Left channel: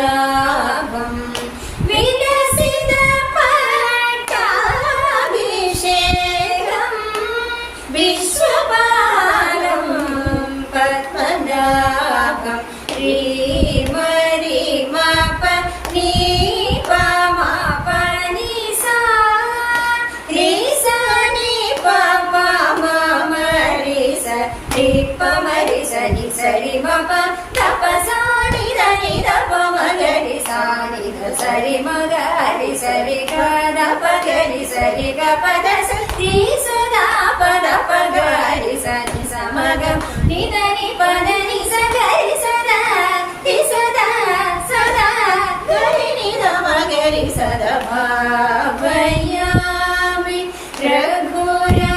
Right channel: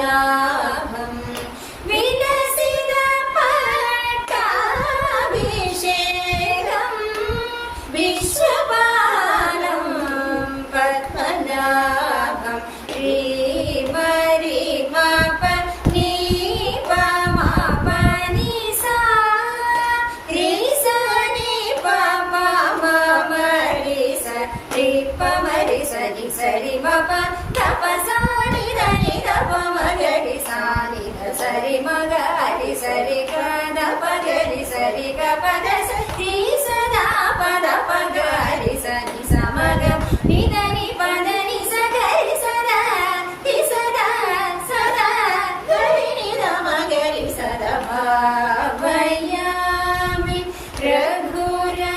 പത്മനാഭം വികസിത പട്ടാഭിഷേകം വിശ്വപാലം പത്മനാഭം సరి మప తపసాని దని తప మగరి సాని సరి మగరి సరి గద పగరి సరి గ పద సరి సదా పద పగరి సని సమగ నిదని పదని సగరి సదా తి సదా సదా గరి నిద మగరి సదా భావయామి రఘురా